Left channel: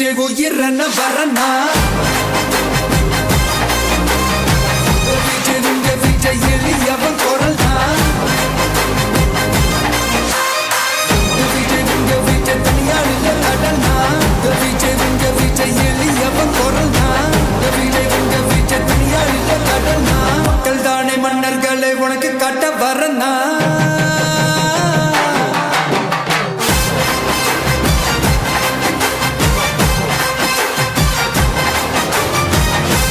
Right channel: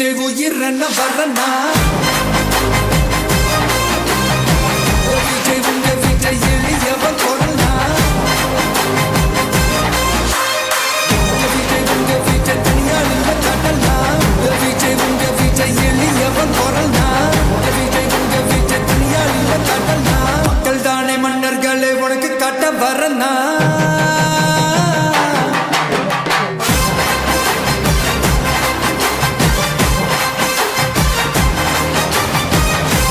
விஜய் உயிரன வரனா விஜய் உங்க விஜய் எளியவன் குரல்னா விஜய் உங்க விஜய் தனியால் இல்ல கடல்னா விஜய் உங்க விஜய் எளியவன் குரல்னா விஜய் உங்க விஜய் தனியால் இல்ல கடல்னா மக்கள் தானே மன்னர்களே உனக்கு காட்ட வரனா